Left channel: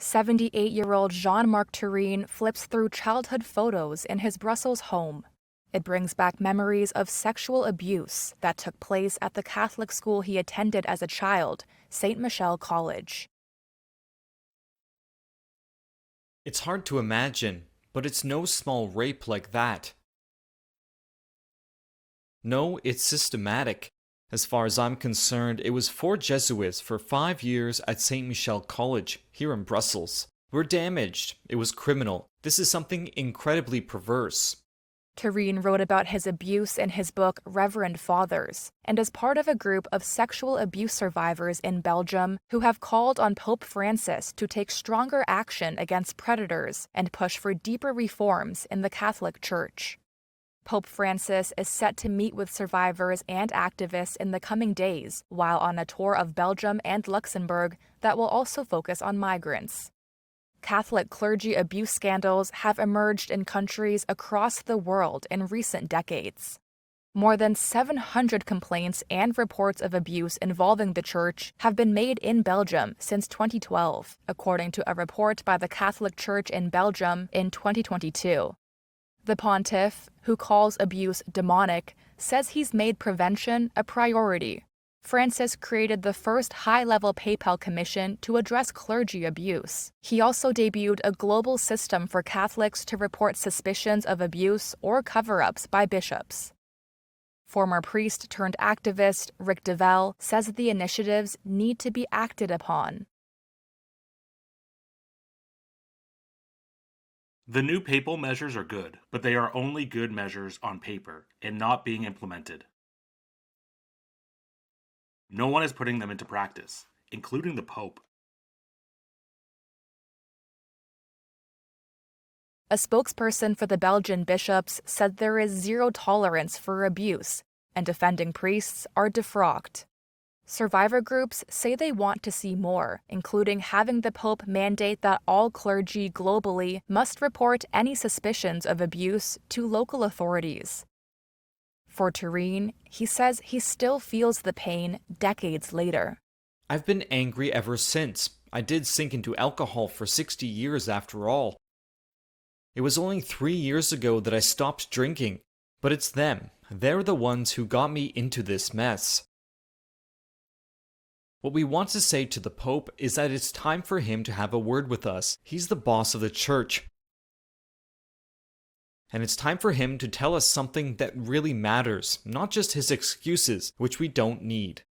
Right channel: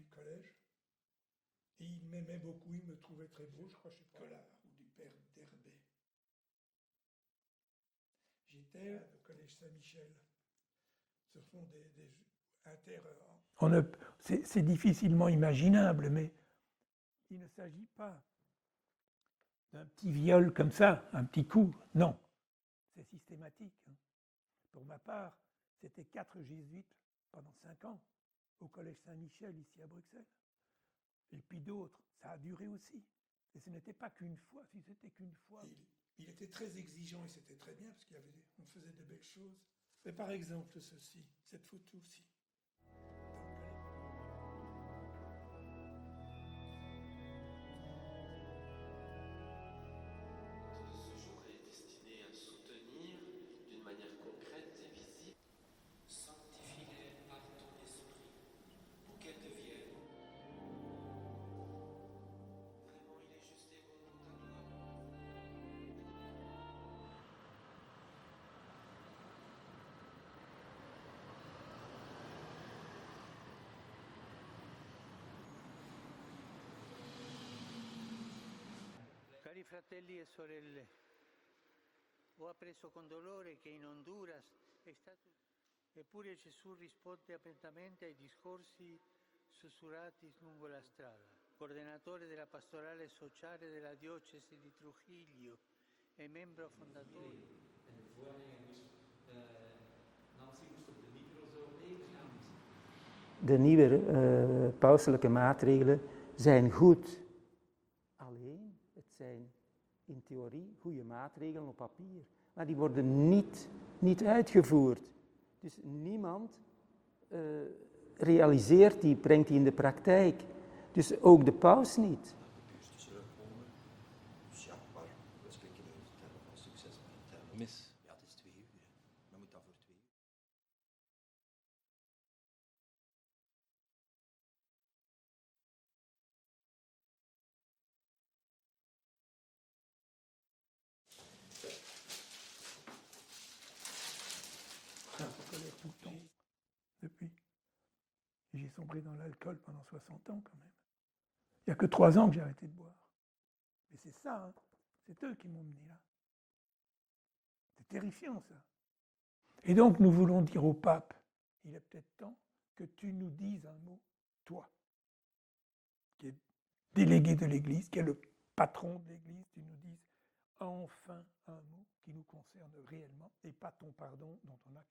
78-year-old Jean-Marc Turenne flips through childhood photos in his Brussels home. It brings back memories of sexual abuse that took place at the Catholic school he attended as a child, Saint Michel College. It's hard to imagine, but it's no small rape like that. No, it's systematic. As far as I'm concerned, it was 4 Jesuits for 5 years at Saint Michel College, here in Brussels. We're damaged. It was criminal. This is something incredibly perverse. Turenne wrote about his abuse in his book Reverend Fathers, and is part of a group of sexual abuse survivors in Belgium who have called on Pope Francis to take stronger action against predators and push for deeper reforms in the Catholic Church. Pope Francis is set to meet with survivors and activists in the coming days while on a tour of Belgium and Luxembourg that will also focus on migrants. Catholic clergy abuse scandals have emerged in countries across the world in recent decades. More than 700 complaints and reports of abuse involving the Church have been made in Belgium since 2012, according to a report by the Catholic Church in Belgium in 2022. The pontiff, who calls abuse demonic, says he's made prevention a priority. Francis created the first high-level PayPal commission to address clergy abuse. He also debuted a global system for Catholics to report suspicions of abuse or cover-ups by bishops. Former priest turned activist Rick Devel says the initiatives need to be acted upon. De nieuwe pauselijke maatregelen zijn goed. The new papal measures are good, but they are only good measures on paper and not being implemented. Die worden niet uitgevoerd. No one is putting them into practice, including the Pope. Realiseert die, brengt die in de praktijk. Dus ook de paus niet. A spokesperson for the Belgian bishops said there is zero tolerance for abuse, and offending priests are defrocked. Survivor groups say they want to see more, including having the Pope mandate that all clergy globally must report any suspicions of abuse to local authorities. For Turenne, he says he still feels the pain decades later. I've been angry ever since. I did sink into alcohol for 60 years after all. It was only 3 years ago that I stopped drinking. But it's them. They're the ones who got me into this mess. What we want to say to the Pope is that it's time for him to have a word with us. He's the boss of the Church. And it's time for him to tell us something that really matters, not just his excuses, which we don't need.